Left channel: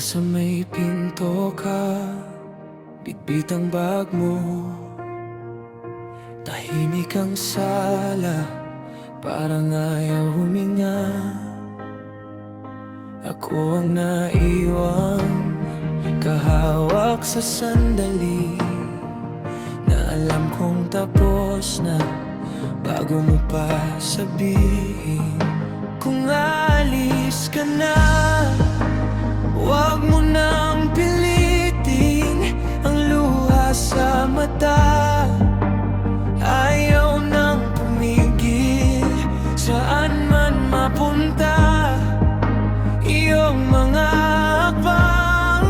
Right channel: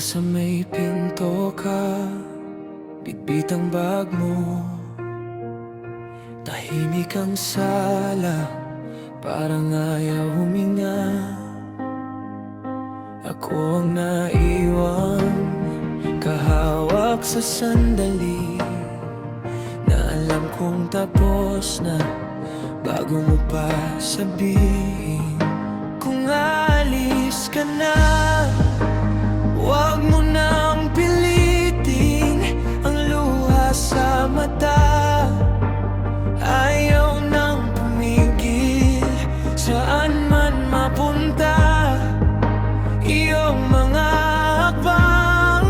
Nasa may pinto ka, bitbit ang bag mo. Tahimik ang sala, parang ayaw huminga. Ako ang naiwan, kahawak sa sandali na alam kong tapos na bago mo pa sabihin. Kung alis ka na, huwag mo nang pilitin ang luha sa mata. Ayaw nang pumigil, saan man mapunta. Iyong mga hakbang,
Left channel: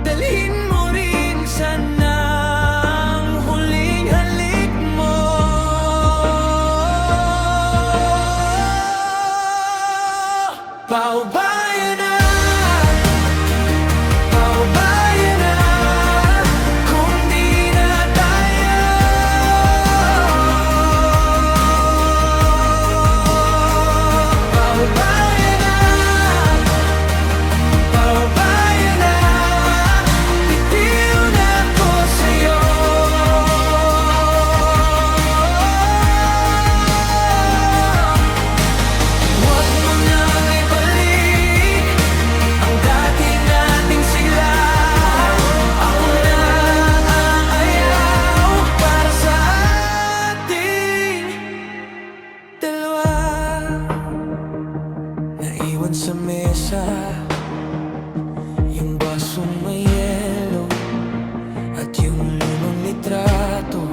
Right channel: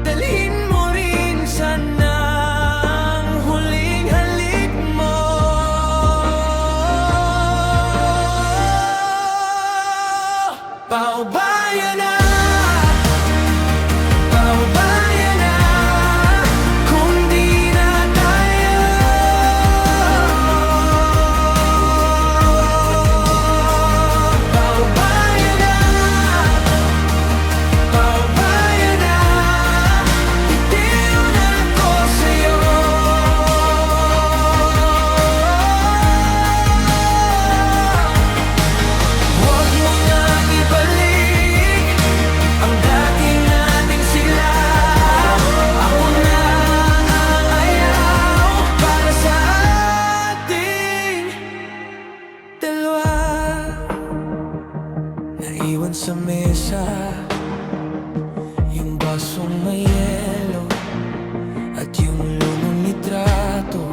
dalhin mo rin sana ang huling halik mo. Paubaya na, paubaya na, kung di na tayo. Paubaya na, paubaya na, bitiw na ko sa'yo. Huwag mo nang ibalik ang dati nating sigla. Ako na ang ayaw para sa ating dalawa. Naiwan sa mesa yung basong may yelo at yung lumang litrato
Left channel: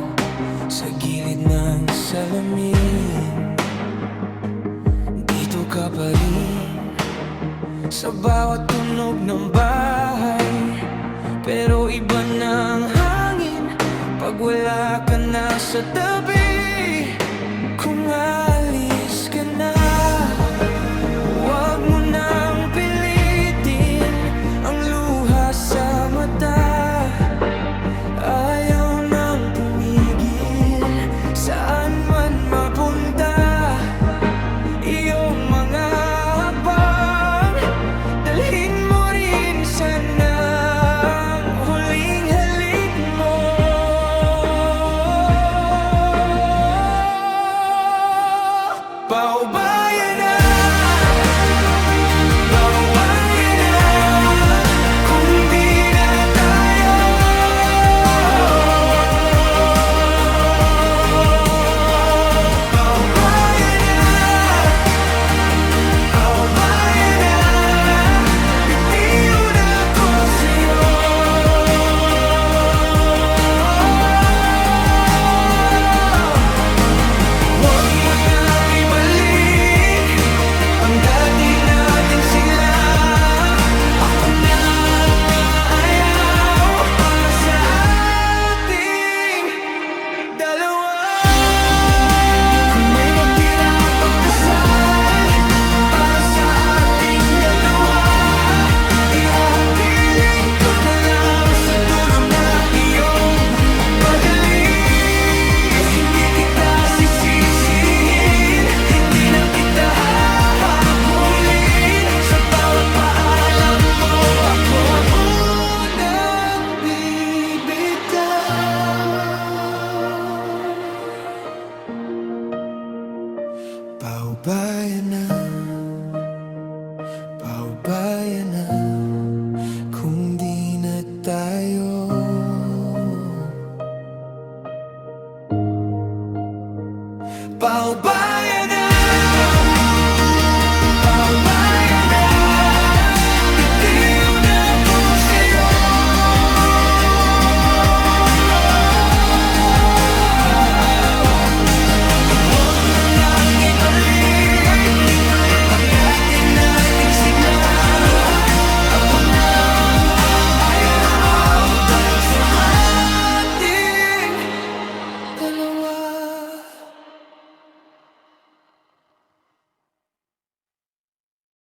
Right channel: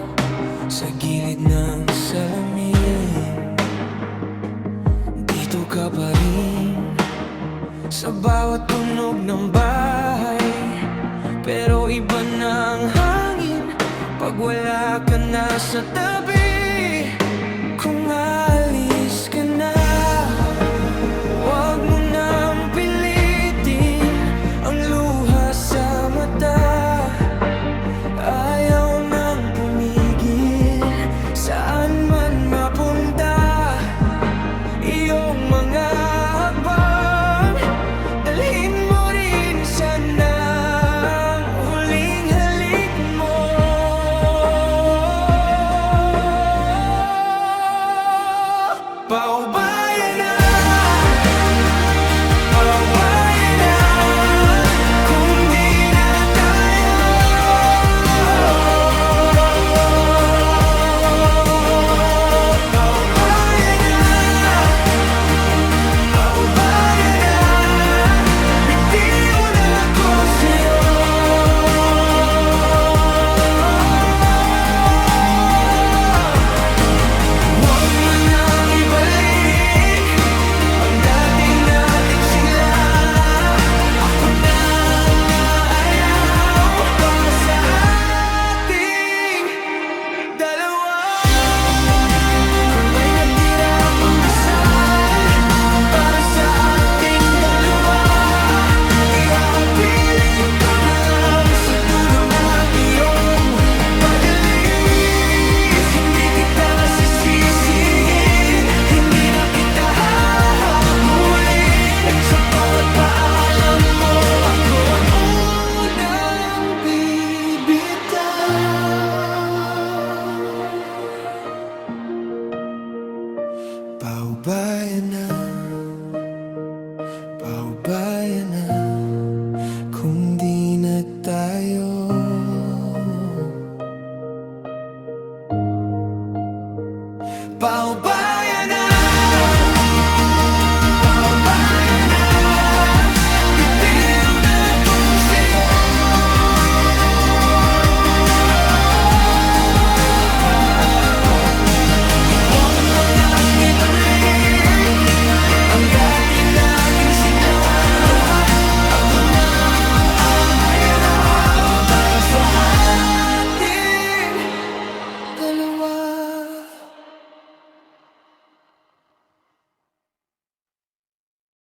sa gilid ng salamin. Dito ka pa rin sa bawat tunog ng bahay, pero iba ng hangin pag wala ka na sa tabi. Kung alis ka na, huwag mo nang pilitin ang luha sa mata. Ayaw nang pumigil, saan man mapunta. Iyong mga hakbang, dalhin mo rin sana ang huling halik mo. Paubaya na, paubaya na, kung di na tayo. Paubaya na, paubaya na, bitiw na ko sa'yo. Huwag mo nang ibalik ang dati nating sigla. Ako na ang aayaw para sa ating dalawa. Kung may natira pang dasal para sa ating dalawa, ihahabilin ko na lang sa dulo ng iyong pag-alis. Hindi kita sisisihin, hindi na kita hahabulin. Sa bawat paalam mo, ako ang unang bibitaw. Paubaya na, paubaya na, kung di na tayo. Paubaya